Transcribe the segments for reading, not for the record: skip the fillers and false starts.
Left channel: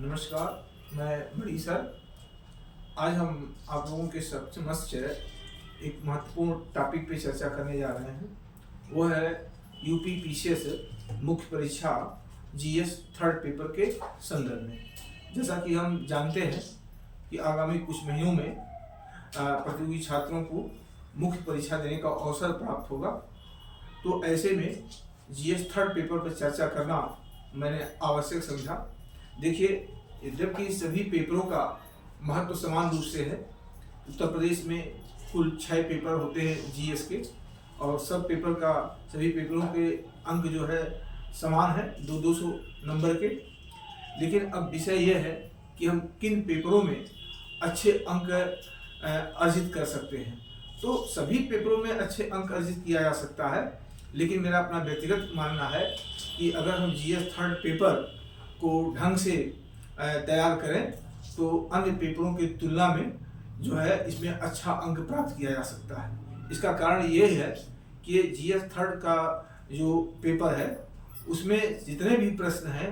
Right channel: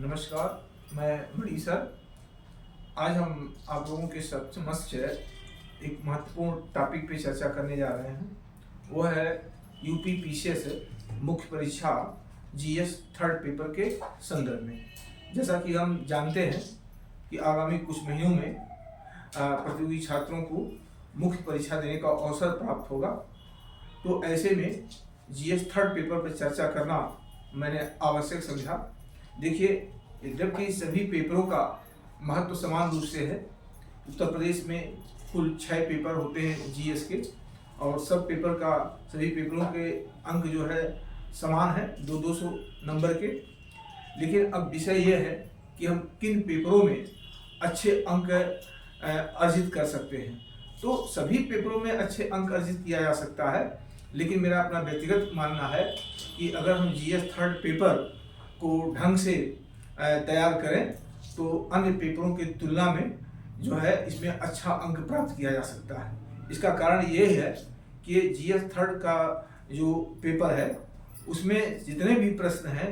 नमस्कार, मैं मणि सर। आज हम आप लोगों के समक्ष एक महत्वपूर्ण टॉपिक पे चर्चा करने जा रहे हैं। वो है यूपी पीसीएस मुख्य परीक्षा जीएस थर्ड पेपर के संदर्भ में। जैसा कि हम जानते हैं कि आगामी कुछ महीनों में प्रतियोगी छात्रों को मुख्य परीक्षा देने का अवसर प्राप्त होगा, तो ऐसे में जीएस थर्ड पेपर पर चर्चा करना मैंने आवश्यक समझा। देखिए, जबकि सभी पेपरों का महत्व समान रूप से है। उत्तर प्रदेश में कुल 6 पेपर होते हैं जीएस के, और सब पेपर का सभी पेपरों के अंक जो है समान है, 200 नंबर के। लेकिन अब विषय यह है कि हम किन पेपरों में अच्छे अंक अर्जित कर सकते हैं। तो सभी पेपरों में अच्छे अंक अर्जित किया जा सकता है, लेकिन मेरा अपना व्यक्तिगत मानना है कि अगर हम जीएस थर्ड पेपर को ढंग से तैयार करें तो अन्य पेपरों की तुलना में जो है इसमें अच्छा अंक प्राप्त किया जा सकता है। इसका कारण ये है कि जीएस थर्ड का जो पेपर है उसमें जितने भी प्रश्न हैं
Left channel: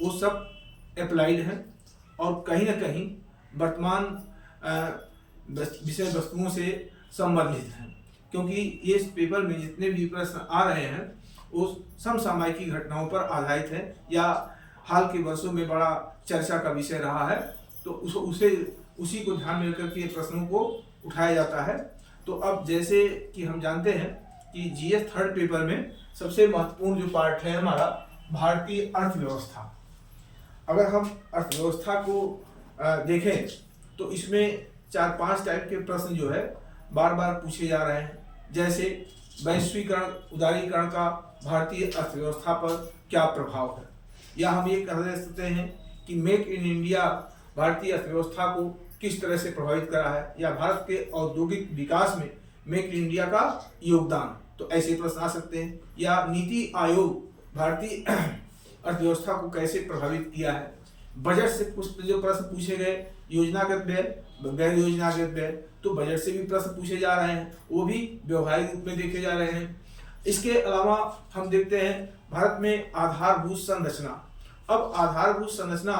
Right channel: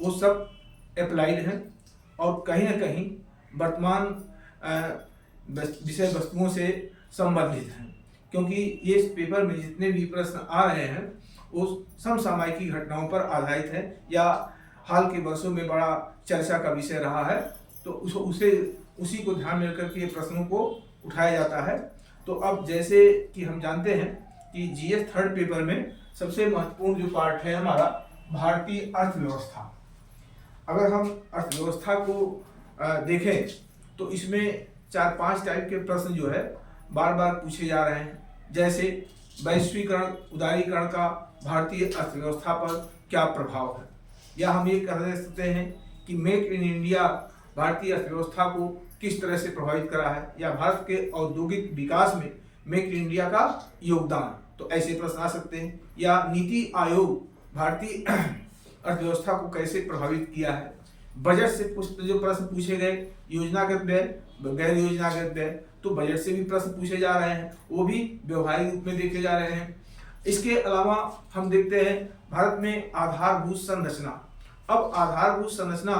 वो सब अप्लाइड हैं और कहीं ना कहीं वर्तमान विषय वस्तुओं से संबंधित हैं, क्योंकि ये इस पेपर में जितने भी प्रश्न आ रहे हैं वो समसामयिक घटनाओं पर आधारित हैं या हाल के वर्षों में बड़ा चर्चा का विषय रहा है। तो उसी को ध्यान में रखकर के प्रश्नों को उठाया जाता है। तो अब जैसे कि हम जानते हैं कि जीएस थर्ड पेपर में सबसे महत्वपूर्ण जो पार्ट है हमारा भारतीय अर्थव्यवस्था। अगर हम अर्थव्यवस्था को देखें तो इसमें 4-5 टाइप के प्रश्न जो है बार बार पूछे जा रहे हैं। जैसे वैश्वीकरण, उदारीकरण का भारतीय अर्थव्यवस्था पर क्या प्रभाव है, या हम ये कह सकते हैं कि मेक इन इंडिया भारतीय अर्थव्यवस्था को किस तरह से प्रभावित करा है, या भारत के औद्योगिक विकास में मेक इन इंडिया का योगदान। तो ऐसे प्रश्न आ सकते हैं। या नीति आयोग भारतीय अर्थव्यवस्था को कैसे प्रभावित किया है। बजट से जो प्रश्न पूछे गए, योजनागत व्यय, गैर योजनागत व्यय, तो बजट से भी प्रश्न पूछे जा रहे हैं, वो भी व्यवहारिक रूप में देखे जा रहे हैं। इसके अलावा हम देखते हैं भारत में आधारभूत संरचना। अब आधारभूत संरचना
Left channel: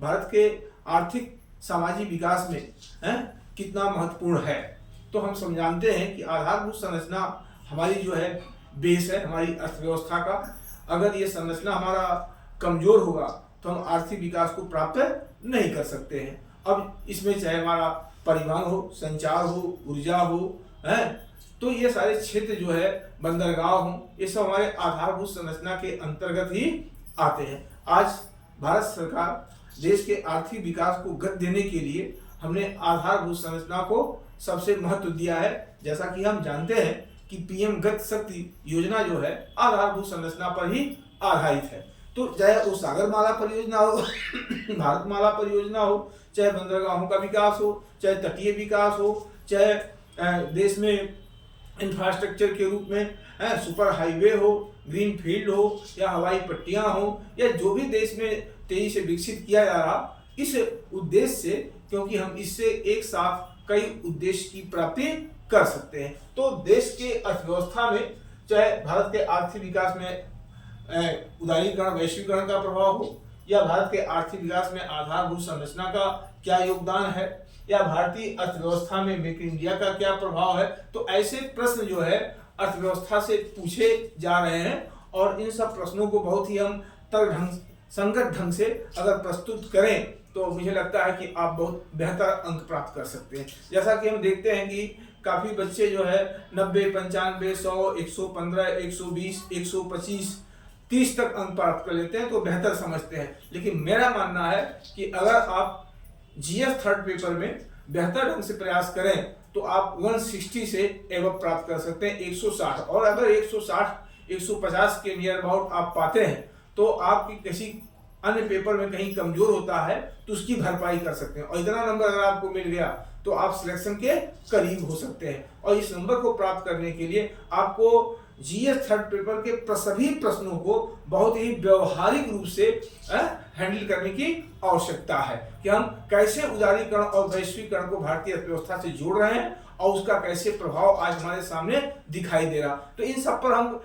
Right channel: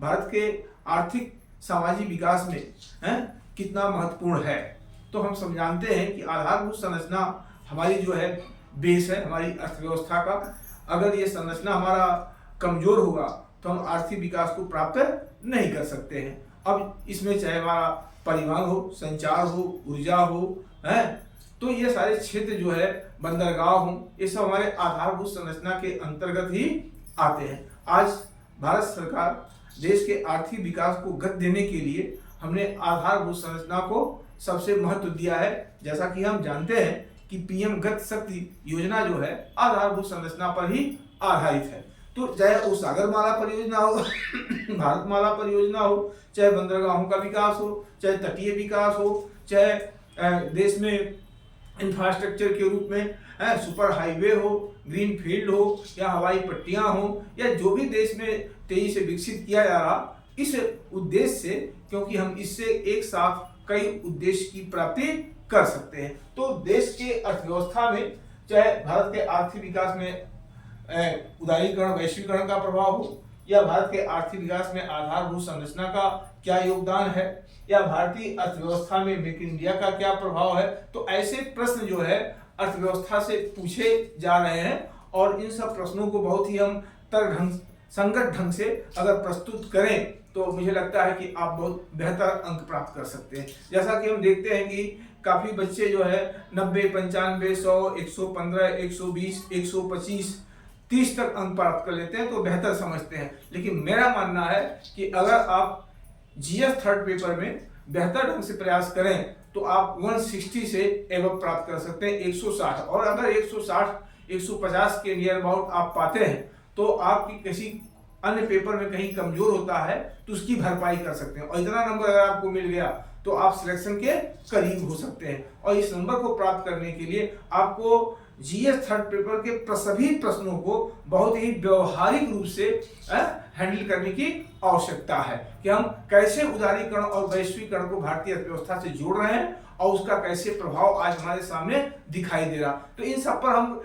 भारत के आर्थिक सामाजिक विकास में कितना महत्वपूर्ण है। तो हम जानते हैं कि आधारभूत संरचना हमारी जो है बेस है हमारी अर्थव्यवस्था का। अगर ये संरचना हमारा कमजोर होगा तो हम आर्थिक विकास को प्राप्त नहीं कर सकते हैं। अब इसमें चाहे हमारा परिवहन हो, संचार हो, ऊर्जा हो, तो ये सारे क्षेत्र जो है, बंदरगाह हो, ये सब हमारे आधारभूत संरचना के अंतर्गत ही आते हैं। आज भारत सरकार देश के आर्थिक विकास को गति देने के लिए हमने आधारभूत संरचना को सबसे महत्व दिया है। जैसा कि हम जानते हैं कि पीएम गति शक्ति योजना जो है आधारभूत संरचना पर ही आधारित है। तो चाहे वो सागरमाला परियोजना हो भारतमाला परियोजना हो, चाहे बंदरगाहों का विकास हो, चाहे तटीय विकास हो, चाहे देश में इंफ्रास्ट्रक्चर के रूप में सुपर हाईवे हो, ग्रीन फील्ड हो, या हवाई पट्टियां हो, या जो भी देश में तेजी से विकसित किया जा रहा, इस उद्देश्य से, क्योंकि हम इससे एक साथ कई उद्देश्य की प्राप्ति कर सकते हैं। तो देश के अर्थव्यवस्था में चाहे भारत के आर्थिक विकास में उदारीकरण, वैश्वीकरण का प्रभाव हो, या भारत के आर्थिक विकास में आधारभूत संरचना का क्या योगदान है, या भारतीय अर्थव्यवस्था में मेक इन इंडिया का क्या प्रभाव है, तो ऐसे प्रश्न जो है अर्थव्यवस्था से पूछे जा रहे हैं। और इन सब प्रश्नों को बहुत ही हम संगत ढंग से अगर प्रस्तुत करें तो मुझे लगता है कि आप बहुत बेहतर अंक प्राप्त कर सकते हैं। जैसा कि हम देखते हैं कि काफ़ी बच्चे जो है 90, 95, 100, 115, 120, 125, 30 तक अंक प्राप्त कर लेते हैं, तो बेहतर समझते हैं। लेकिन मेरा मानना है कि अगर आप जीएस थर्ड पेपर में बेहतर ढंग से प्रयास करें तो आप 160 से एवं प्राप्त कर सकते हैं, 160। और अगर 160, 150 के नियर अबाउट आप पाते हैं तो आपकी किसी अन्य पेपर में कहीं कमजोर होता है तो उसकी भरपाई कर सकते हैं। और इतना नंबर अगर आपको मिल गया तो आप सिलेक्शन के करीब हो सकते हैं। और इस नंबर को प्राप्त करने के लिए आपको जीएस थर्ड पेपर के सभी प्रश्नों को बहुत ही व्यवहारिक रूप से हैंडल करने की आवश्यकता है कि हम कैसे उदारीकरण और वैश्वीकरण को भारतीय अर्थव्यवस्था से जोड़ रहे हैं और उसका कैसे प्रभाव आज हमारे सामने दिखाई दे रहा। तो इन सब पर हम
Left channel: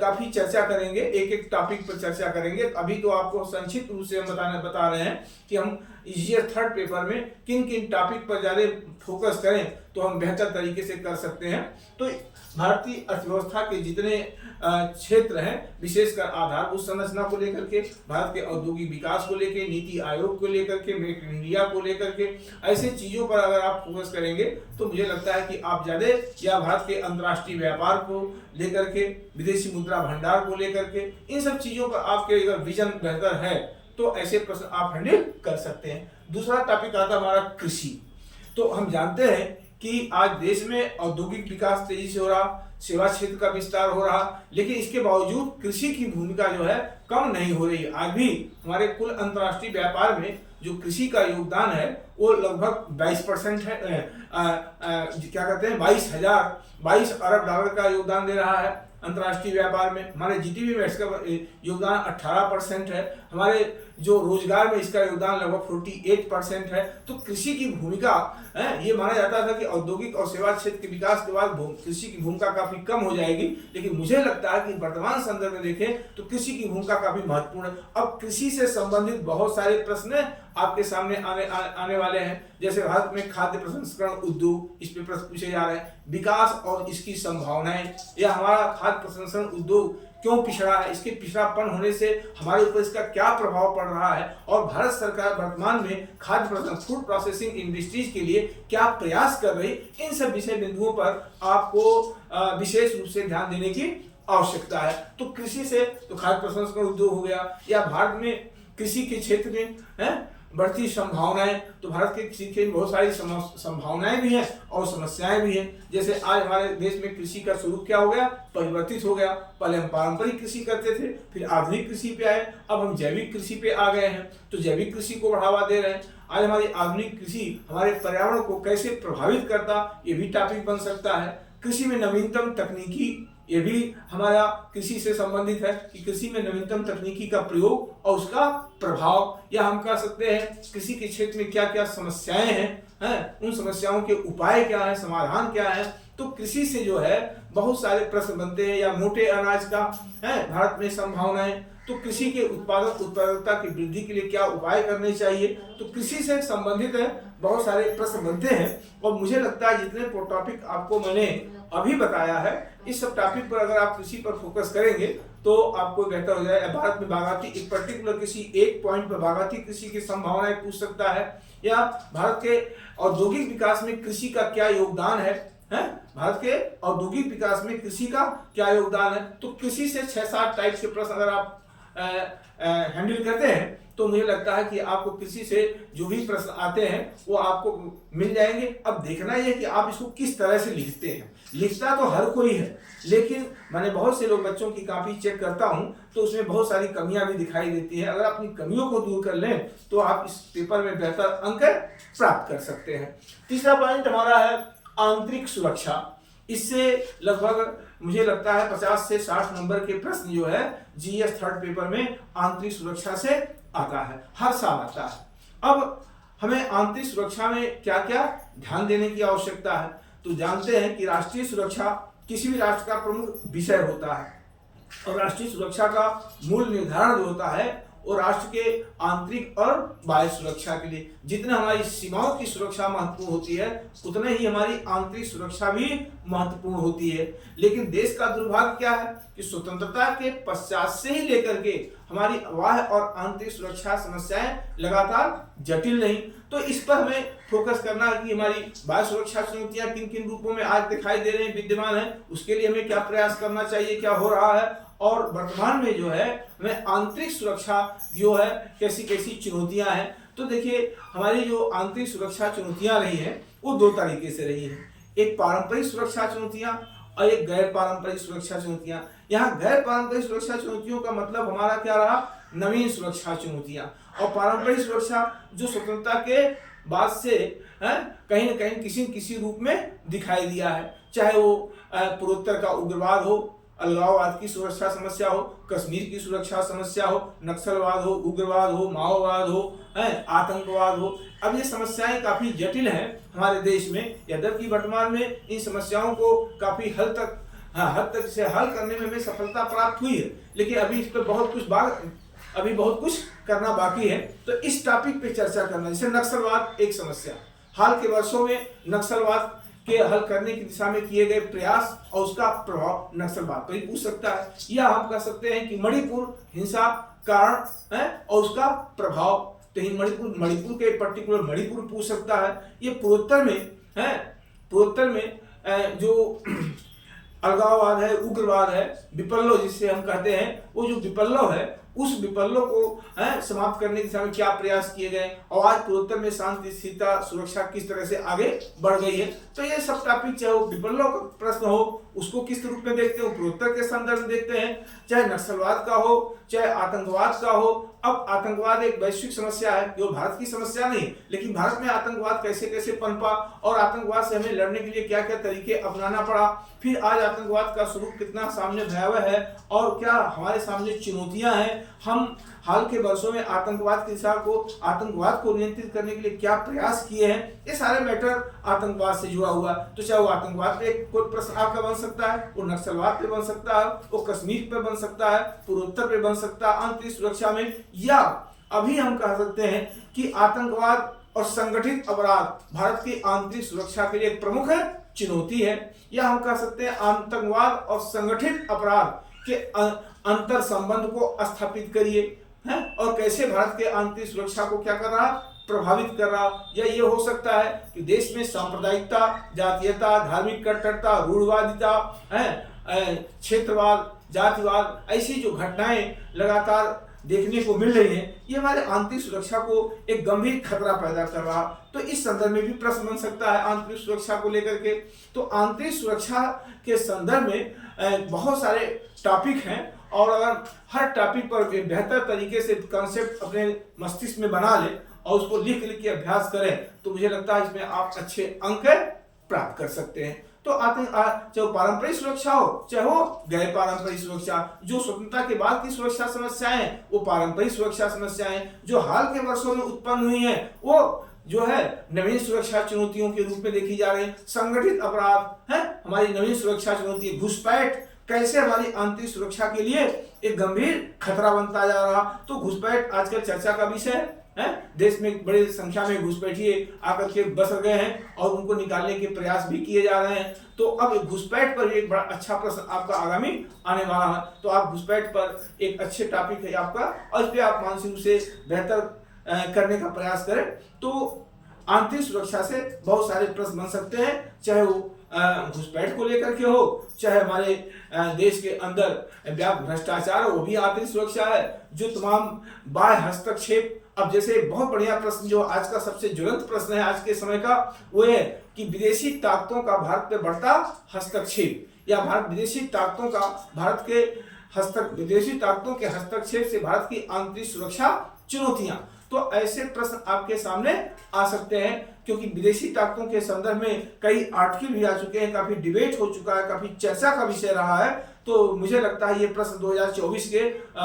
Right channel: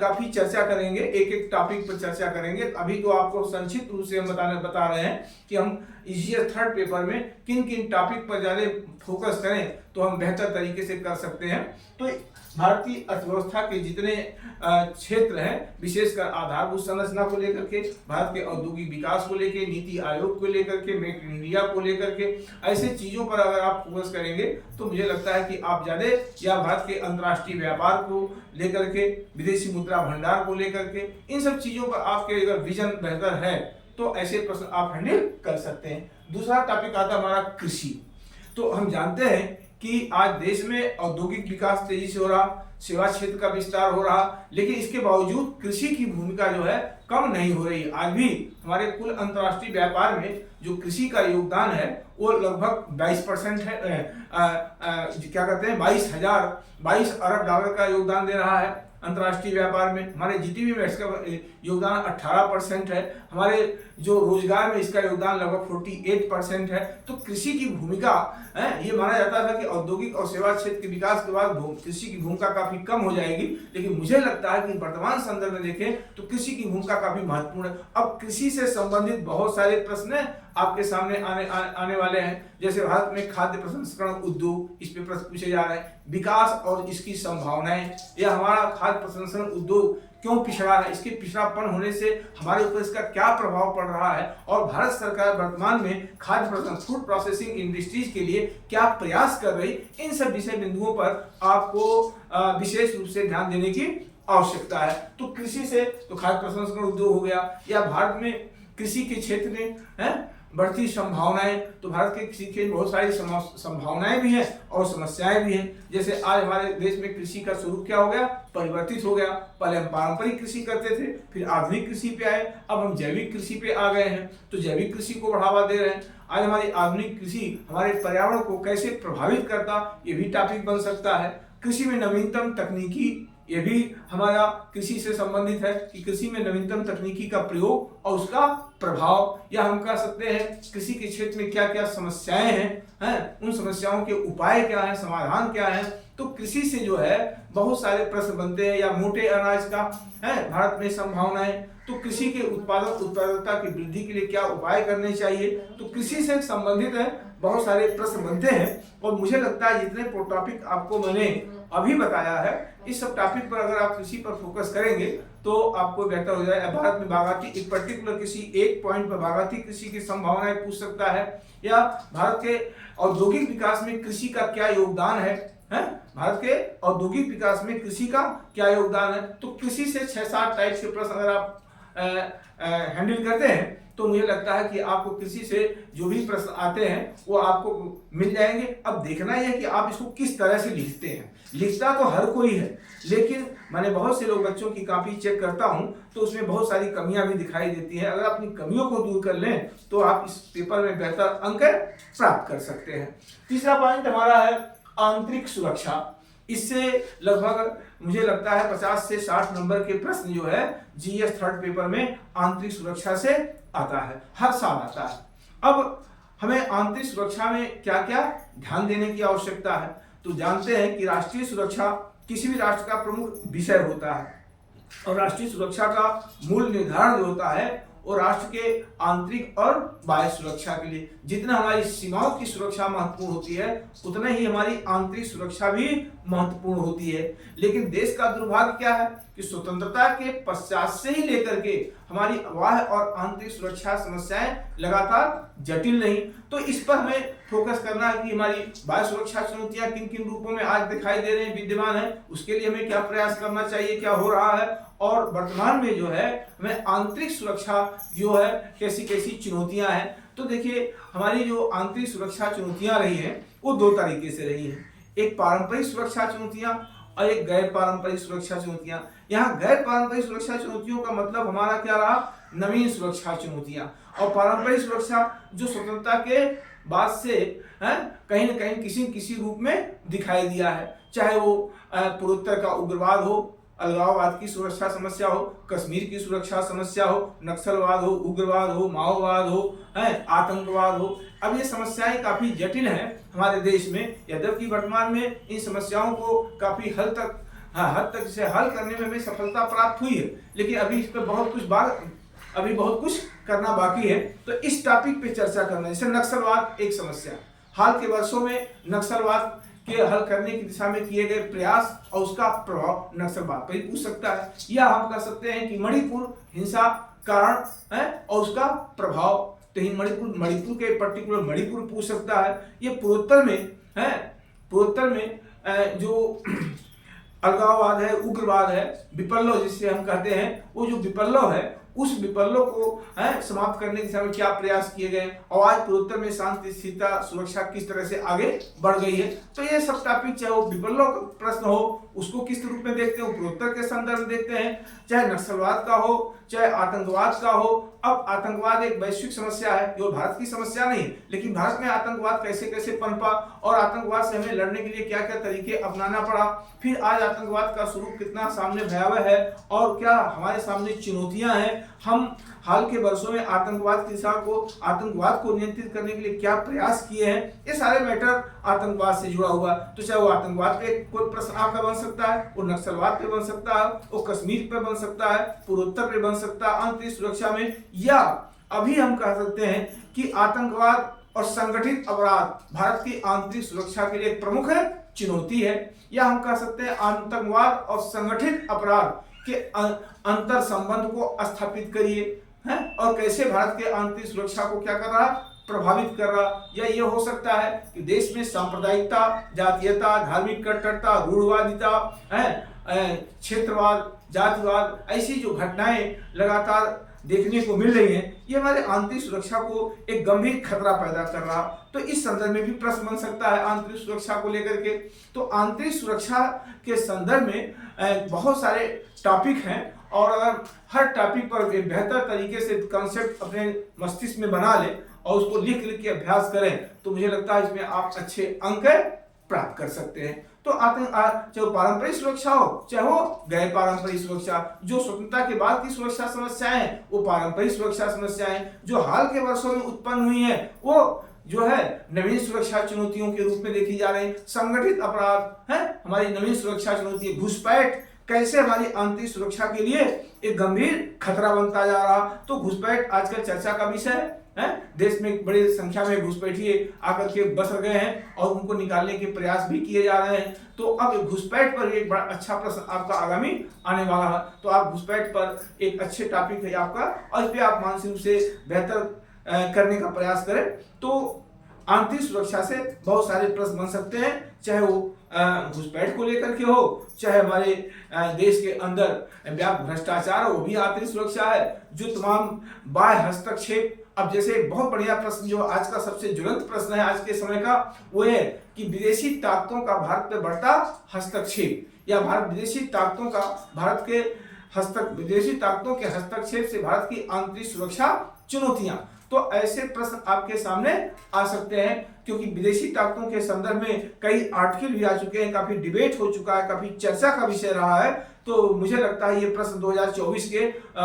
काफी चर्चा करेंगे, एक एक टॉपिक पर चर्चा करेंगे। अभी तो आपको संक्षिप्त रूप से हम बता रहे हैं कि हम ये थर्ड पेपर में किन किन टॉपिक पर ज़्यादा फोकस करें तो हम बेहतर तरीके से कर सकते हैं। तो भारतीय अर्थव्यवस्था के जितने क्षेत्र हैं, विशेषकर आधारभूत संरचना को लेकर के, भारत के औद्योगिक विकास को लेकर, नीति आयोग को लेकर के, मेक इन इंडिया को लेकर के, ऐसे चीज़ों पर अगर आप फोकस करेंगे तो मुझे लगता है कि आप ज़्यादा, या भारत के अंतर्राष्ट्रीय व्यापार को लेकर के, विदेशी मुद्रा भंडार को लेकर के, इन सब चीज़ों पर आपके अगर विजन बेहतर है तो ऐसे प्रश्न आप हैंडल कर सकते हैं। दूसरा टॉपिक आता है हमारा कृषि। तो हम जानते हैं कि आज देश में औद्योगिक विकास तेजी से हो रहा, सेवा क्षेत्र का विस्तार हो रहा, लेकिन इसके बावजूद कृषि की भूमिका जो है कम नहीं हो रही। आज भी हमारे कुल अंतर्राष्ट्रीय व्यापार में जो कृषि का योगदान है वो लगभग 22% है, क्या कहते हैं 22 अरब डॉलर का योगदान दे रहा है अंतर्राष्ट्रीय व्यापार में। हमारे जीडीपी में इसका योगदान 18% है। हमारे जो रोजगार में इसका योगदान लगभग 48% है। तो कृषि की भूमिका ये माना जाता था कि औद्योगिक और सेवा क्षेत्र के विकास के बाद कृषि की भूमिका काफी कम हो जाएगी, लेकिन मुझे लगता है कि वर्तमान संदर्भ में देखें तो कृषि की भूमिका काफी महत्वपूर्ण है। अब कृषि से संबंधित बहुत सारे प्रश्न आपके सामने आने वाले हैं, जैसे भारत में खाद्य प्रसंस्करण उद्योग, इस पे प्रश्न पूछे जा रहे हैं, विकास और इसकी संभावनाएं, या हमारा खाद्य प्रसंस्करण उद्योग क्यों पिछड़ा है, इसके पिछड़ापन होने से हमारे ऊपर इसका क्या प्रभाव पड़ रहा है, और भारत सरकार वर्तमान में खाद्य प्रसंस्करण फूड प्रोसेसिंग इंडस्ट्रीज के लिए क्या प्रयास कर रही, इन सब विषय बिंदुओं पर आपको विशेष रूप से ध्यान देने की आवश्यकता है। तो कृषि से तो खाद्य प्रसंस्करण उद्योग हो गया, या भारत में कृषि के क्षेत्र में बढ़ती संभावनाएं, तो भारत के कृषि के बहुत सारी संभावनाएं भी हैं और समस्याएं भी हैं। जैसे आज हमारे देश में कृषि का स्वरूप क्या हो गया, परिवर्तित हो गया। पहले हम पारंपरिक कृषि करते थे, फिर आधुनिक कृषि पे आए, अब हम जैविक कृषि पे आ गए हैं, तो जैविक कृषि को बढ़ावा दे रहे हैं। आज हमारी आधुनिक कृषि हमारे पर्यावरण को कैसे प्रभावित करता, ये भी टॉपिक बन सकता है। कृषि में नवीनतम तकनीकी, ये भी हमारा कृषि से संबंधित है कि कृषि में नवीनतम तकनीकी का प्रयोग और उसका प्रभाव, या हम कह सकते हैं कृषि के क्षेत्र में क्या क्या समस्याएं हैं, उन समस्याओं के उपाय क्या हैं, समाधान क्या है। तो कृषि से जो है बहुत सारे प्रश्न बनते हैं, या मोटे अनाज का है भारत में संभावनाएं, तो कृषि के उत्पादकता की वृद्धि के लिए क्या उपाय करने चाहिए। तो कृषि से संबंधित है बहुत सारे प्रश्न बनते हैं, और मुझे लगता है जितने टॉपिक आपको मैंने अभी बताया है, इस सब टॉपिक पर अगर आप कृषि पर फोकस करेंगे तो आपको बेहतर हो जाए। भारत में बागायती, एक पर्टिकुलर किसी एक पॉइंट पर बागायती कृषि की संभावनाएं पूछ सकता है, या भारत के औद्योगिक विकास में कृषि का क्या योगदान है, भारत के औद्योगिक विकास में कृषि का क्या योगदान है। तो कृषि से 6-7 टाइप के प्रश्न अगर आप हैंडल करते हैं तो मुझे लगता है कि आपको कृषि से जो भी प्रश्न आते हैं वो आपको मिल जाएंगे। अब देखना यह है कि आप इसको किस तरह से लिखते हैं। लिखता तो हर कोई है, लेकिन मैंने बहुत से लोग बच्चों की कॉपी चेक करता हूं तो उसमें बहुत सारी कमियां भी दिखाई देती हैं। अगर अपनी कमियों को दूर कर लें तो आप इस पेपर में बेहतर अंक प्राप्त कर सकते हैं। तीसरा पॉइंट हमारा है आंतरिक सुरक्षा। इससे लगभग मुझे लगता है 50 से 60 नंबर के प्रश्न जो है जीएस थर्ड पेपर में आंतरिक सुरक्षा से आता है, हर साल आता है। अब हमें आंतरिक सुरक्षा में क्या क्या ध्यान देने की आवश्यकता है, तो जानते हैं कि राष्ट्रीय सुरक्षा किसी भी राष्ट्र का प्रमुख विषय होता है, और राष्ट्रीय सुरक्षा का मूल निर्धारण जो होता है वो राष्ट्र के आंतरिक और बाह्य सुरक्षा के लिए, जितना हमारी सीमाओं की सुरक्षा महत्वपूर्ण होती है उतना ही हमारी आंतरिक सुरक्षा भी महत्वपूर्ण होती है। लेकिन देश का दुर्भाग्य क्या है कि स्वतंत्रता के पश्चात से ही लेकर के हमारी बाह्य और आंतरिक सुरक्षा समस्याएं लगातार जटिल नहीं। तो इस पर हमें फोकस करना है कि हमारी बाह्य सुरक्षा चुनौतियां किन किन रूपों में आज दिखाई दे रहे हैं, विद्यमान है, उसके लिए हमें क्या प्रयास करना चाहिए, क्या हो रहा है, और वर्तमान में जो है हमें आंतरिक सुरक्षा जो है कैसी कैसी चुनौतियां हैं। तो देखिए हमारी जो आंतरिक सुरक्षा चुनौतियां रही हैं वो 2 तरीके से रही हैं, एक पारंपरिक सुरक्षा चुनौतियां और एक गैर पारंपरिक सुरक्षा चुनौतियां। यहाँ गैर पारंपरिक सुरक्षा चुनौतियों का मतलब हमारा क्या रहा, नवीन सुरक्षा चुनौतियां, और पारंपरिक सुरक्षा जो स्वतंत्रता के बाद से कहीं न कहीं किसी किसी रूप में दिखाई दिया है, चाहे वो पूर्वोत्तर का उग्रवाद हो, अलगाववाद की सुरक्षा समस्या हो, कश्मीर की सुरक्षा समस्या हो, नक्सलवाद हो, उग्रवाद हो, माओवाद हो, आतंकवाद हो। अब ये समस्याएं काफी जटिल हैं हमारे देश में, यद्यपि वर्तमान में इन समस्याओं को काफी हद तक इसे हल करने में हमें सफलता प्राप्त हुई है, लेकिन अभी इस पर बहुत कुछ अभी बहुत कुछ करना बाकी है। तो इस टॉपिक पे चर्चा करना, जैसे नक्सलवाद एक समस्या, हाल के वर्षों में नक्सलवाद के हल करने की दिशा में किए गए प्रयास और उसका प्रभाव नक्सलवाद पर ही पूछ सकता है, या हम कह सकते हैं कि मणिपुर हिंसा कारण है और उसका प्रभाव, तो मणिपुर के पर्टिकुलर मणिपुर पूछ सकता है। ये पूर्वोत्तर में जो अलगाववाद है, उग्रवाद है, विपल्लो जिससे हम कहते हैं, वो जो विपल्लो है उस विपल्लो को समाप्त करने की दिशा में क्या प्रयास किए गए और आज पूर्वोत्तर में शांति, स्थिरता, सुरक्षा किस तरह से आगे बढ़ गई है। तो ये सब टॉपिक, चाहे वो विपल्लो का प्रश्न हो उसको किस रूप में देखते हैं, पूर्वोत्तर के संदर्भ में देखते हैं, चाहे नक्सलवाद का हो, चाहे आतंकवाद का हो। अब आतंकवाद एक वैश्विक समस्या है, जो भारत की समस्या नहीं, लेकिन भारत में आतंकवाद कैसे कैसे पनपा और आतंकवाद से हमें लड़ने के लिए क्या क्या तरीके अपनाना पड़ा, फिर आज आतंकवाद का स्वरूप कितना सामने भयावह है और क्या हमारे सामने चुनौतियां हैं, हम हाल के वर्षों में आतंकवाद को नियंत्रित करने के लिए क्या प्रयास किए हैं, ये सारे मैटर आतंकवाद से जुड़ा हुआ है। तो चाहे वो आतंकवाद पे कोई प्रश्न आपका बन सकता है, वो नक्सलवाद पे बन सकता है, वो कश्मीर पे बन सकता है, पूर्वोत्तर पे बन सकता है, आंतरिक सुरक्षा में, या अभी हम कह सकते हैं कि आतंकवाद और संगठित अपराध भारत की आंतरिक सुरक्षा के लिए एक प्रमुख चुनौती है, या हम कह सकते हैं आतंकवाद और संगठित अपराध के अंतर संबंध को स्थापित करिए हैं और कैसे भारत के आंतरिक सुरक्षा को क्या कर रहा, प्रभावित कर रहा। या ये हो सकता है कि देश में सांप्रदायिकता, जातीयता, धार्मिक कट्टरता, रूढ़वादिता, क्षेत्रवाद, जातिवाद, ऐसी जो घटनाएं लगातार देखने को मिल रही हैं, ये हमारे आंतरिक सुरक्षा को एक गंभीर खतरा पैदा कर रहा। तो इस संदर्भ में भी प्रश्न बन सकता है आंतरिक सुरक्षा को लेकर के। तो आंतरिक सुरक्षा के संदर्भ में बहुत सारे टॉपिक हैं और अगर हर टॉपिक पर एक बेहतर तरीके से कॉन्सेप्ट अपने मस्तिष्क में बना ले और उसको लिख के अभ्यास करें तो मुझे लगता है इसमें आप अच्छे अंक प्राप्त कर सकते हैं। तो चाहे वो पारंपरिक सुरक्षा हो चाहे वो गैर पारंपरिक सुरक्षा, जो स्वतंत्रता के बाद की सुरक्षा समस्याएं वो पारंपरिक सुरक्षा समस्याएं, जो हाल के वर्षों में उत्पन्न हुई हैं वो जो है नवीन सुरक्षा चुनौतियों के रूप में देखी जा रही है। संगठित अपराध है हमारी नवीन सुरक्षा चुनौती, घुसपैठ कैसे हमारी आंतरिक सुरक्षा के लिए एक गंभीर खतरा बनता जा रहा। तो घुसपैठ आजकल चर्चा का विषय है, देश में बड़ी संख्या में घुसपैठिए आकर के बस गए हैं और उनको निकालने के प्रयास भी किए जा रहे हैं। तो अब घुसपैठ पर एक बड़ा अच्छा प्रश्न आपका आगामी आने वाला है, तो आप घुसपैठ पर एक अच्छे टॉपिक है आपका और इस पर आप मानसिक रूप से बेहतर करने का प्रयास करें। तो आंतरिक सुरक्षा से बहुत सारे प्रश्न बन सकते हैं, चाहे वो घुसपैठ को लेकर के हो, चाहे हमारे देश के अंदर व्यापक भ्रष्टाचार हो, वो भी आंतरिक सुरक्षा है। जो तमाम बाह्य हस्तक्षेप, अब जैसे बहुत बढ़िया प्रश्न जो आज का सबसे ज्वलंत प्रश्न है आज के समय का, वो है कि विदेशी ताकतों का भारत पे बढ़ता हस्तक्षेप, या विदेशी ताकतों के हस्तक्षेप से भारत की आंतरिक सुरक्षा चुनौतियां। तो ऐसे प्रश्न आपके सामने आ सकते हैं क्योंकि विदेशी ताकतों के संदर्भ में कई आर्टिकल भी आ चुके हैं, काफी डिबेट हो चुका है, काफी चर्चा का विषय रहा है। तो मुझे लगता है ये प्रश्न 2024 के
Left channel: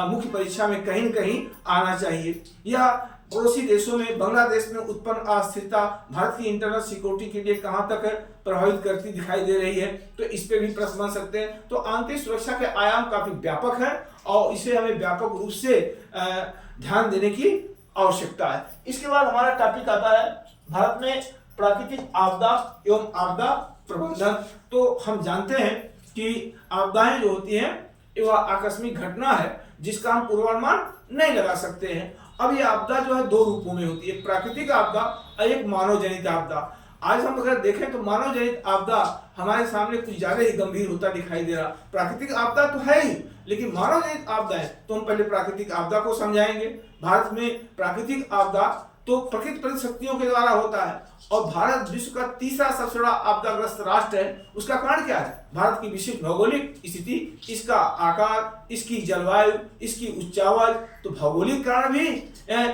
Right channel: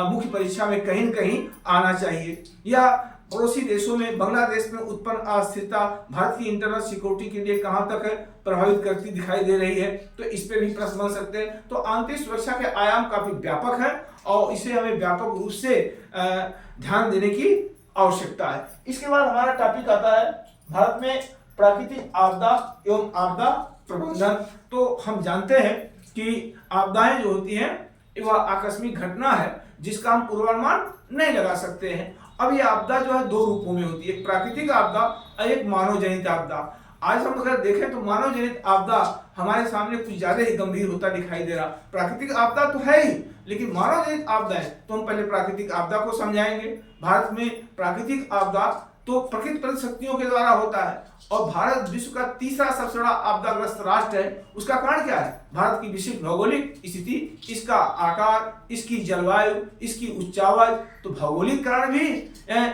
मुख्य परीक्षा में कहीं न कहीं आना चाहिए। या पड़ोसी देशों में बांग्लादेश में उत्पन्न अस्थिरता भारत की इंटरनल सिक्योरिटी के लिए कहां तक प्रभावित करती दिखाई दे रही है, तो इस पे भी प्रश्न बन सकते हैं। तो आंतरिक सुरक्षा के आयाम काफी व्यापक हैं और इसे हमें व्यापक रूप से ध्यान देने की आवश्यकता है। इसके बाद हमारा टॉपिक आता है भारत में प्राकृतिक आपदा एवं आपदा प्रबंधन। तो हम जानते हैं कि आपदाएं जो होती हैं वह आकस्मिक घटना है जिसका हम पूर्वानुमान नहीं लगा सकते हैं। अब ये आपदा जो है दो रूपों में होती है, एक प्राकृतिक आपदा और एक मानव जनित आपदा। आज हम अगर देखें तो मानव जनित आपदा हमारे सामने कुछ ज्यादा ही गंभीर होता दिखाई दे रहा। प्राकृतिक आपदा तो है ही, लेकिन मानव जनित आपदाएं, तो हम पहले प्राकृतिक आपदा को समझाएंगे। भारत में प्राकृतिक आपदा तो प्रकृति परिशक्तियों के द्वारा होता है और भारत विश्व का तीसरा सबसे बड़ा आपदाग्रस्त राष्ट्र है। उसका कारण क्या है? भारत की विशिष्ट भौगोलिक स्थिति, इसका आकार, इसकी जलवायु, इसकी उच्चावच। तो भौगोलिक कारण भी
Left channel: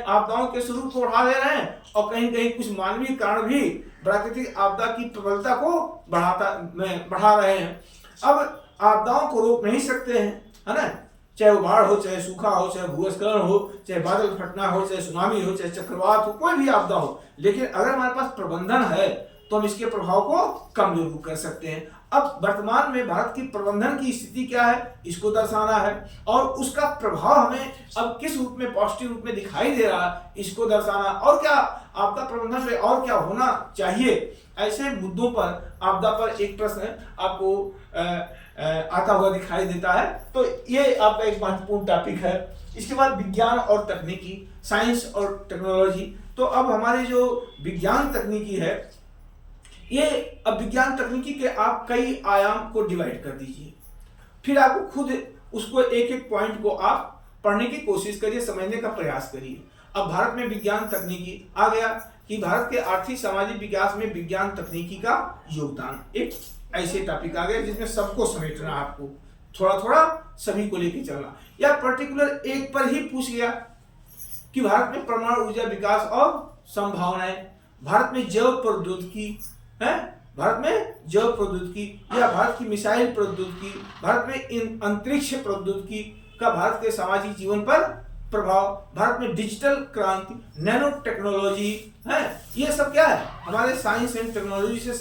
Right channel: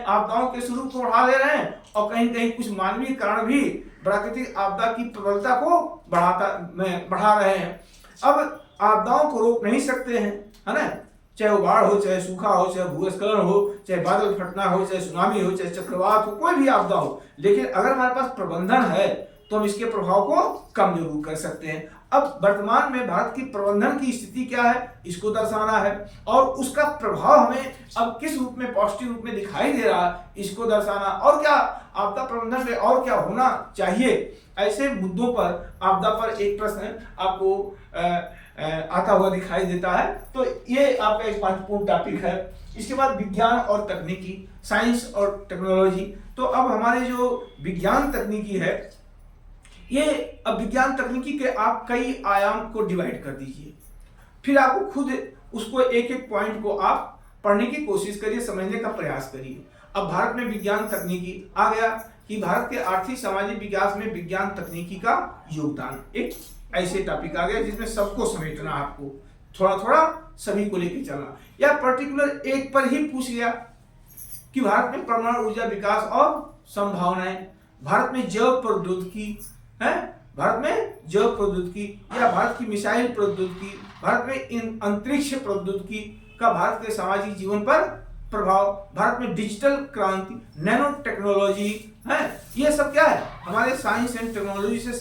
आपदाओं के स्वरूप को बढ़ा दे रहे हैं और कहीं कहीं कुछ मानवीय कारण भी प्राकृतिक आपदा की प्रबलता को बढ़ा रहे हैं। अब आपदाओं को रोक नहीं सकते हैं, है ना, चाहे वो बाढ़ हो, चाहे सूखा हो, चाहे भूस्खलन हो, चाहे बादल फटना हो, चाहे सुनामी हो, चाहे चक्रवात हो, कोई भी आपदा हो। लेकिन अगर हमारे पास प्रबंधन है तो हम इसके प्रभाव को कम जरूर कर सकते हैं। अब वर्तमान में भारत की प्रबंधन की स्थिति क्या है इसको दर्शाना है, और उसका प्रभाव हमें अब किस रूप में, पॉजिटिव रूप में दिखाई दे रहा है इसको दर्शाना, और क्या आपदा प्रबंधन में और क्या होना चाहिए, ऐसे मुद्दों पर आपदा पर एक प्रश्न आपको आता हुआ दिखाई देता है। तो ये आपका एक महत्वपूर्ण टॉपिक है। इसके बाद विज्ञान और तकनीकी, साइंस और टेक्नोलॉजी। तो अब हमारे जो विज्ञान तकनीकी है, ये अब विज्ञान तकनीकी के आप कई आयाम को डिवाइड कर दीजिए, फिर आपको खुद उसको एक एक पॉइंट को आप पढ़ने की कोशिश करिए, समझने का प्रयास करिए। अब भारत में विज्ञान तकनीकी आ गया कि भारत के आर्थिक सामाजिक विकास में विज्ञान तकनीकी का योगदान, एक ऐसे टॉपिक आ गया जिसमें सबको समेटना, आपको थोड़ा थोड़ा सभी को लेकर चलना, या पर्टिकुलर एक पर ही पूछ गया कि भारत में परमाणु ऊर्जा विकास और संभावनाएं, भारत में जैव प्रौद्योगिकी है, भारत में जैव प्रौद्योगिकी या भारत की मिसाइल प्रौद्योगिकी, भारत में अंतरिक्ष प्रौद्योगिकी का भारत के सामाजिक जीवन पर प्रभाव, भारत में डिजिटल क्रांति, नैनो टेक्नोलॉजी है, ये सब क्या है हमारे साइंस एंड टेक्नोलॉजी से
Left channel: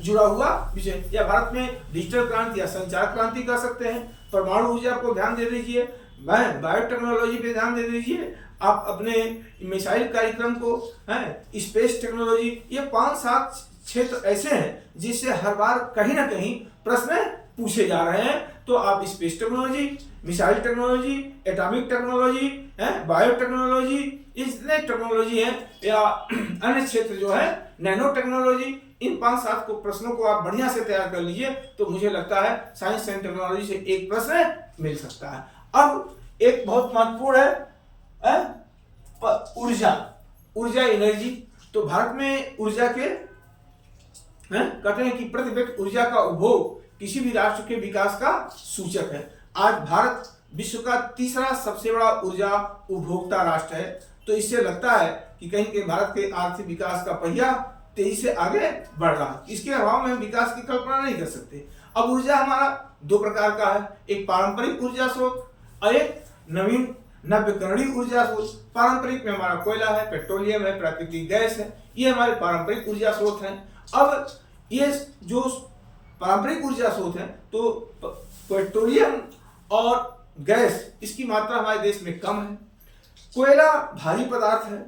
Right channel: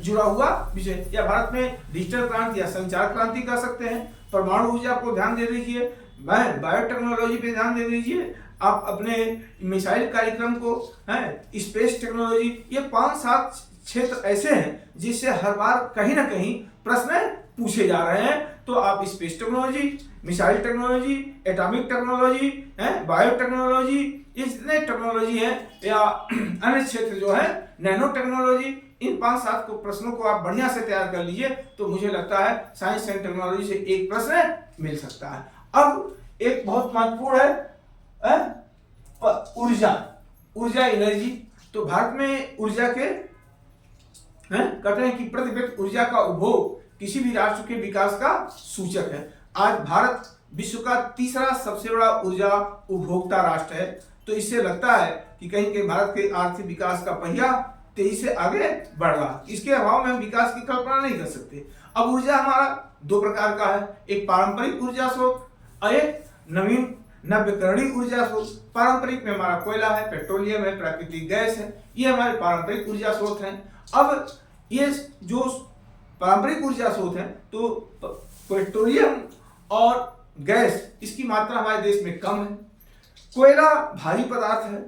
जुड़ा हुआ विषय, या भारत में डिजिटल क्रांति या संचार क्रांति कर सकते हैं। परमाणु ऊर्जा को ध्यान दे दीजिए, बायोटेक्नोलॉजी पे ध्यान दे दीजिए, आप अपने मिसाइल कार्यक्रम को है, स्पेस टेक्नोलॉजी, ये 5-7 क्षेत्र ऐसे हैं जिससे हर बार कहीं ना कहीं प्रश्न पूछे जा रहे हैं। तो आप space technology, missile technology, atomic technology है, बायोटेक्नोलॉजी, ये जितने टेक्नोलॉजी है, या अन्य क्षेत्र जो है नैनो टेक्नोलॉजी, इन 5-7 को प्रश्नों को आप बढ़िया से तैयार कर लीजिए तो मुझे लगता है साइंस एंड टेक्नोलॉजी से एक प्रश्न मिल सकता है। अब एक बहुत महत्वपूर्ण है ऊर्जा एनर्जी। तो भारत में ऊर्जा के कहते हैं कि प्रति व्यक्ति ऊर्जा का उपभोग किसी भी राष्ट्र के विकास का सूचक है। आज भारत विश्व का तीसरा सबसे बड़ा ऊर्जा उपभोक्ता राष्ट्र है। तो इससे लगता है कि कहीं कहीं भारत के आर्थिक विकास का पहिया तेजी से आगे बढ़ रहा है। इसके अभाव में हम विकास की कल्पना नहीं कर सकते। अब ऊर्जा हमारा 2 प्रकार का है, एक पारंपरिक ऊर्जा स्रोत और एक नवीन नव्यकरणीय ऊर्जा स्रोत। पारंपरिक में हमारा कोयला है, पेट्रोलियम है, प्राकृतिक गैस है, ये हमारे पारंपरिक ऊर्जा स्रोत हैं। अब ये जो पारंपरिक ऊर्जा स्रोत है, तो पेट्रोलियम और गैस इसकी मात्रा हमारे देश में कम है। कोयला भारी पदार्थ है,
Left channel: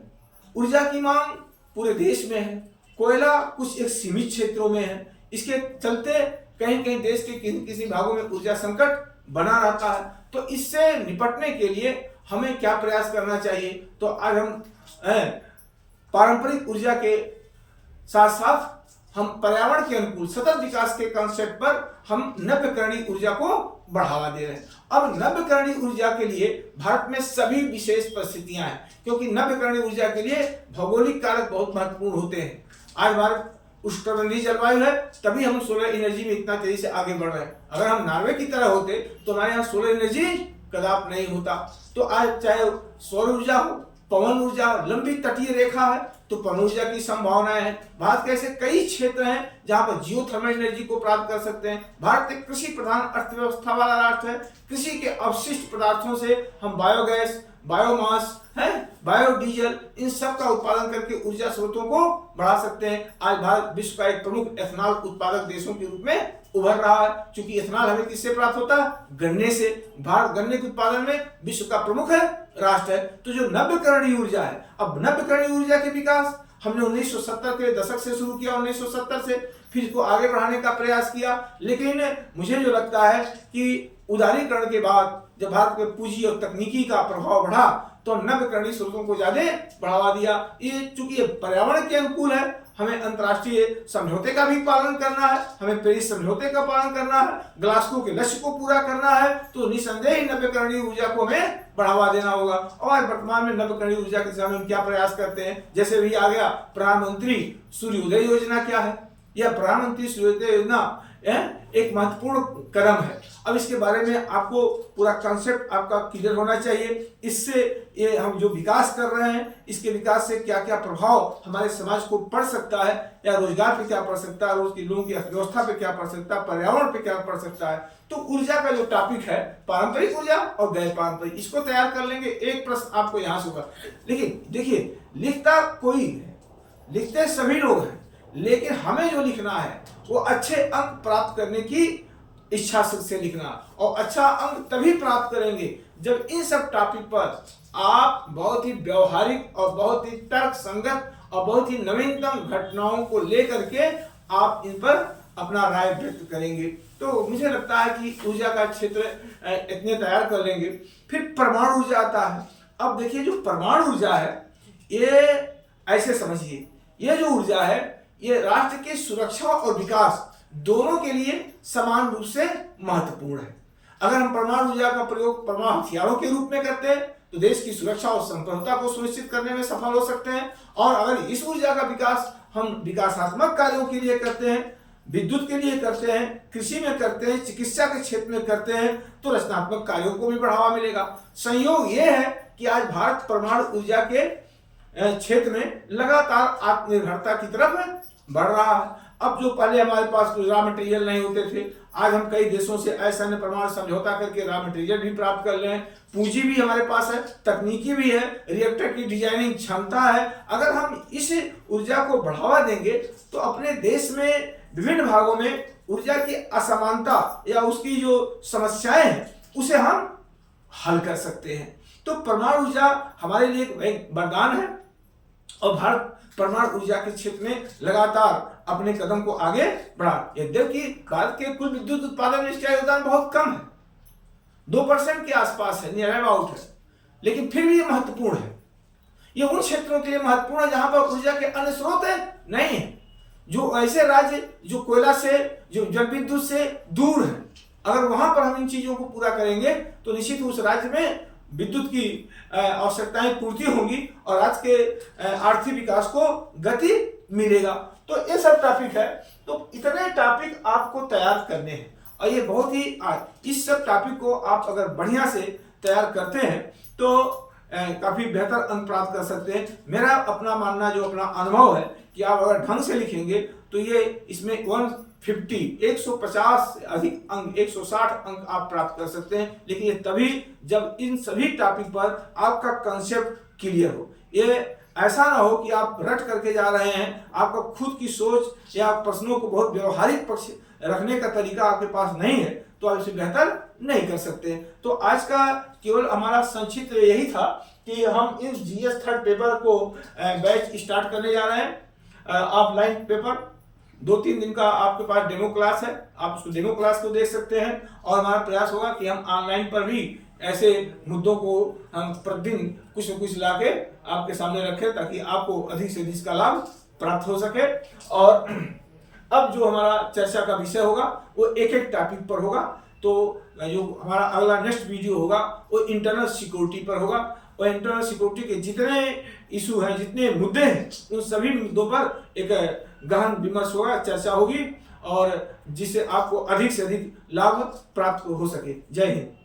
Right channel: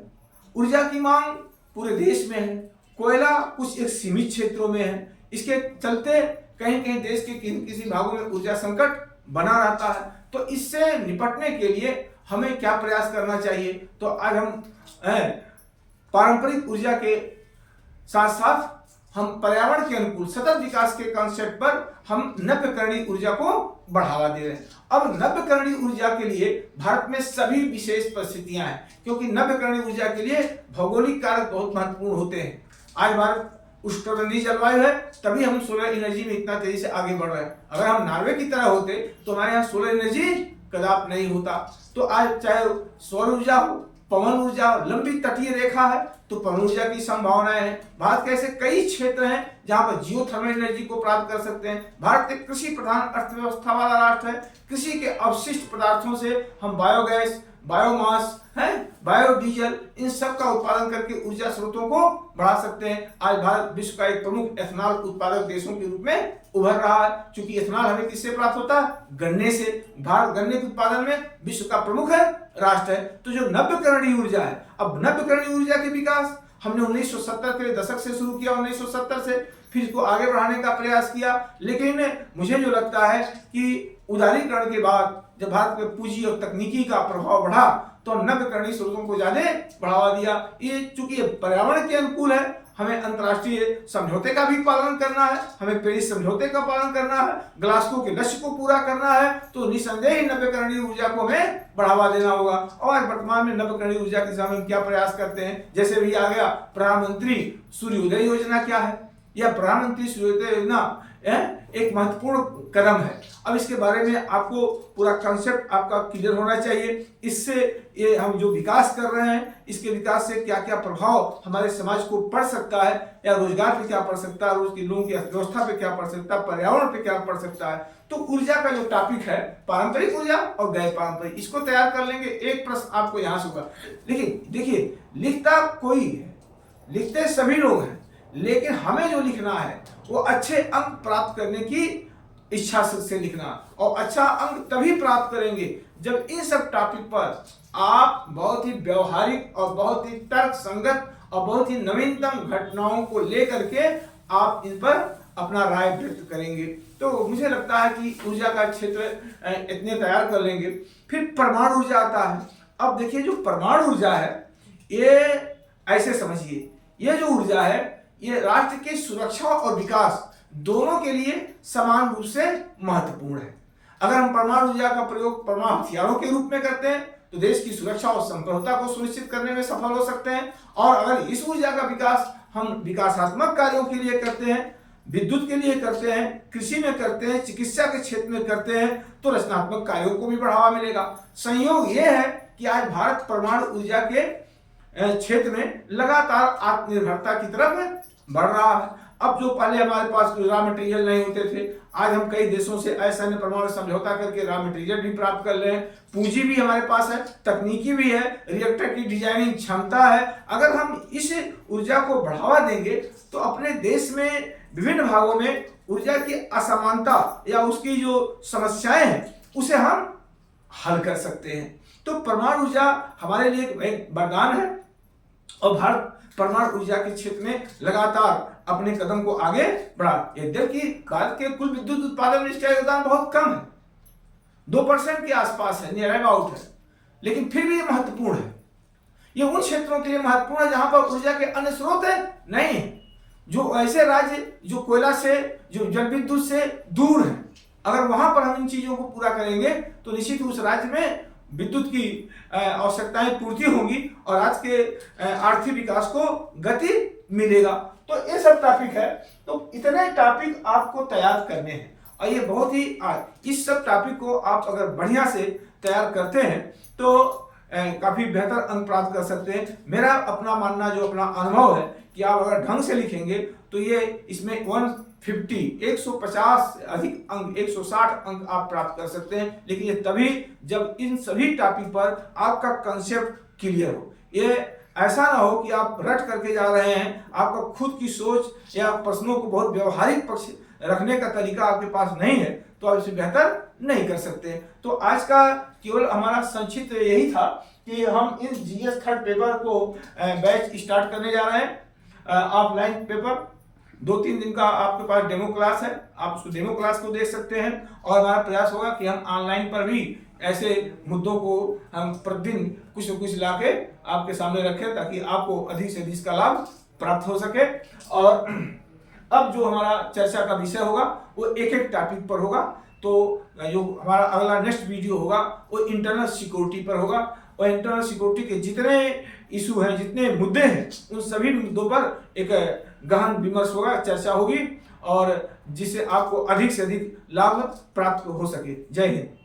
ऊर्जा की मांग पूरे देश में है, कोयला कुछ एक सीमित क्षेत्रों में है। इसके चलते कहीं कहीं देश के किसी भागों में ऊर्जा संकट बना रहता है। तो इससे निपटने के लिए हमें क्या प्रयास करना चाहिए? तो आज हम पारंपरिक ऊर्जा के साथ साथ हम पर्यावरण के अनुकूल सतत विकास के कॉन्सेप्ट पर हम नव्यकरणीय ऊर्जा को बढ़ावा दे रहे हैं। अब नव्यकरणीय ऊर्जा के लिए भारत में सभी विशेष परिस्थितियां हैं, क्योंकि नव्यकरणीय ऊर्जा के लिए भौगोलिक कारक बहुत महत्वपूर्ण होते हैं। आज भारत उष्णकटिबंधीय जलवायु है, तभी हम सोलर एनर्जी में इतना तेजी से आगे बढ़ रहे हैं। अगर हम नॉर्वे की तरह होते तो हमारे यहाँ सोलर एनर्जी कदाप नहीं होता। तो आज चाहे सौर ऊर्जा हो, पवन ऊर्जा हो, लंबी तटीय रेखा है तो पवन ऊर्जा की संभावनाएं हैं। भारत के ऐसे कई क्षेत्र हैं जहां पर जियोथर्मल एनर्जी को प्राप्त कर सकते हैं। भारत एक कृषि प्रधान अर्थव्यवस्था वाला राष्ट्र है। कृषि के अवशिष्ट पदार्थों से हम बायोगैस, बायोमास है, बायोडीजल, इन सब का उत्पादन करके ऊर्जा स्रोतों को बढ़ा सकते हैं। आज भारत विश्व का एक प्रमुख एथनॉल उत्पादक देशों के रूप में उभर रहा है। क्योंकि एथनॉल हमें किससे प्राप्त होता है? गन्ने से। भारत गन्ने के उत्पादन में विश्व का प्रमुख राष्ट्र है। तो जो नव्यकरणीय ऊर्जा है, अब नव्यकरणीय ऊर्जा के विकास हमने 1970 के दशक से शुरू किया, 1970 से फिर इसको आगे बढ़ाने का प्रयास किया। लेकिन मुझे जो लगता है कि उदारीकरण के बाद जब भारत में पूंजी और तकनीकी का प्रभाव बढ़ा तो नव्यकरणीय स्रोतों को ज्यादा बढ़ावा दिया। ये चूंकि ये पर्यावरण के अनुकूल है, हमें अंतर्राष्ट्रीय समझौते का भी पालन करना है, हमें पेरिस समझौते का पालन करना है, ग्लासगो के लक्ष्य को पूरा करना है, तो निसंदेह नव्यकरणीय ऊर्जा को हमें बढ़ावा देना होगा। और वर्तमान में नव्यकरणीय ऊर्जा के दिशा में हम क्या प्रयास करते हैं? जैसे भी आ गया प्रधानमंत्री सूर्योदय योजना क्या है? यह प्रधानमंत्री सूर्योदय योजना एक महत्वपूर्ण कदम है। अब इसके बारे में आपको पूरा कॉन्सेप्ट आपका क्लियर होना चाहिए। इससे ये हम जो विकास कर रहे हैं, इसके विकास से क्या क्या प्रभाव हमारे समाज को पड़ सकता है, या रोजगार पे क्या पड़ सकता है, रोज के लोगों की अर्थव्यवस्था पे क्या पड़ सकता है, पर्यावरण पे क्या पड़ सकता है। तो ऊर्जा का जो टॉपिक है, पारंपरिक ऊर्जा और गैर पारंपरिक, इसको तैयार कर लेंगे। एक प्रश्न आपको यहाँ से होगा, लेकिन देखिए लिखता कोई है, लिखते सभी लोग हैं, लेकिन हमें जो लिखना है वो अच्छे अंक प्राप्त करने की इच्छा से लिखना, और अच्छा अंक तभी प्राप्त करेंगे जब इन सब टॉपिक पर आप बहुत ही व्यवहारिक और बहुत ही तर्क संगत और बहुत ही नवीनतम घटनाओं को लेकर के आप इन पर अपना राय व्यक्त करेंगे। तो मुझे लगता है कि ऊर्जा का क्षेत्र इतने तैयार कर लेंगे। फिर परमाणु ऊर्जा आता है। अब देखिए, जो परमाणु ऊर्जा है, ये ऐसे समझिए, ये जो ऊर्जा है ये राष्ट्र की सुरक्षा और विकास दोनों के लिए समान रूप से महत्वपूर्ण है। अगर हम परमाणु ऊर्जा का प्रयोग परमाणु हथियारों के रूप में करते हैं तो देश की सुरक्षा और संप्रभुता को सुनिश्चित करने में सफल हो सकते हैं, और अगर इस ऊर्जा का विकास हम विकासात्मक कार्यों के लिए करते हैं, विद्युत के लिए करते हैं, कृषि में करते हैं, चिकित्सा के क्षेत्र में करते हैं, तो रचनात्मक कार्यों को भी बढ़ावा मिलेगा। संयोग ये है कि आज भारत परमाणु ऊर्जा के क्षेत्र में लगातार आत्मनिर्भरता की तरफ बढ़ रहा है। अब जो पहले हमारे पास रॉ मटेरियल नहीं होते थे, आज हम कई देशों से असैन्य परमाणु समझौता करके रॉ मटेरियल भी प्राप्त कर ले, पूंजी भी हमारे पास है, तकनीकी भी है, रिएक्टर की डिजाइनिंग क्षमता है। अगर हम इस ऊर्जा को बढ़ावा देंगे तो अपने देश में विभिन्न भागों में ऊर्जा की असमानता या उसकी जो समस्याएं हैं उसे हम हल कर सकते हैं। तो परमाणु ऊर्जा हमारे लिए एक वरदान है, और भारत परमाणु ऊर्जा के क्षेत्र में लगातार अपने कदम को आगे बढ़ा। यद्यपि भारत के कुल विद्युत उत्पादन में इसका योगदान बहुत कम है, 2% के आसपास है, नियर अबाउट है, लेकिन फिर भी ये महत्वपूर्ण है। ये उन क्षेत्रों के लिए महत्वपूर्ण है जहां पर ऊर्जा के अन्य स्रोत नहीं है, जो ऐसे राज्य जो कोयला से, जो जल विद्युत से दूर है। अगर वहां पर हम इन चीजों को पूरा करेंगे तो निश्चित उस राज्य में विद्युत की आवश्यकताएं पूर्ति होंगी और राज्य के आर्थिक विकास को गति मिलेगा। तो ये सब टॉपिक है, तो इतने टॉपिक आपको तैयार करने हैं, और ये बहुत ही इस सब टॉपिक को आप अगर बढ़िया से तैयार करते हैं तो काफी बेहतर अंक प्राप्त कर सकते हैं। मेरा अपना मानना, जो अपना अनुभव है, कि आप अगर ढंग से लिखेंगे तो ये इसमें 150 से अधिक अंक, 160 अंक आप प्राप्त कर सकते हैं। लेकिन ये तभी जब इन सभी टॉपिक पर आपका कंसेप्ट क्लियर हो। ये ऐसा ना हो कि आप रट करके जा रहे हैं, आपका खुद की सोच या प्रश्नों को बहुत व्यवहारिक पक्ष रखने का तरीका आपके पास नहीं है, तो आप इसे बेहतर नहीं कर सकते। तो आज का केवल हमारा संक्षिप्त यही था कि हम इन जीएस थर्ड पेपर को बैच स्टार्ट करने जा रहे हैं, ऑफलाइन पेपर। 2-3 दिन का आपके पास डेमो क्लास है, आप उस डेमो क्लास को देख सकते हैं, और हमारा प्रयास होगा कि हम ऑनलाइन पर भी ऐसे मुद्दों को हम प्रतिदिन कुछ न कुछ लाके आपके सामने रखें, ताकि आपको अधिक से अधिक का लाभ प्राप्त हो सके। और अब जो हमारा चर्चा का विषय होगा वो एक टॉपिक पर होगा। तो जो हमारा अगला नेक्स्ट वीडियो होगा वो इंटरनल सिक्योरिटी पर होगा, और इंटरनल सिक्योरिटी के जितने इशू हैं, जितने मुद्दे हैं, उन सभी मुद्दों पर एक गहन विमर्श होगा, चर्चा होगी, और जिससे आपको अधिक से अधिक लाभ प्राप्त हो सके। जय हिंद।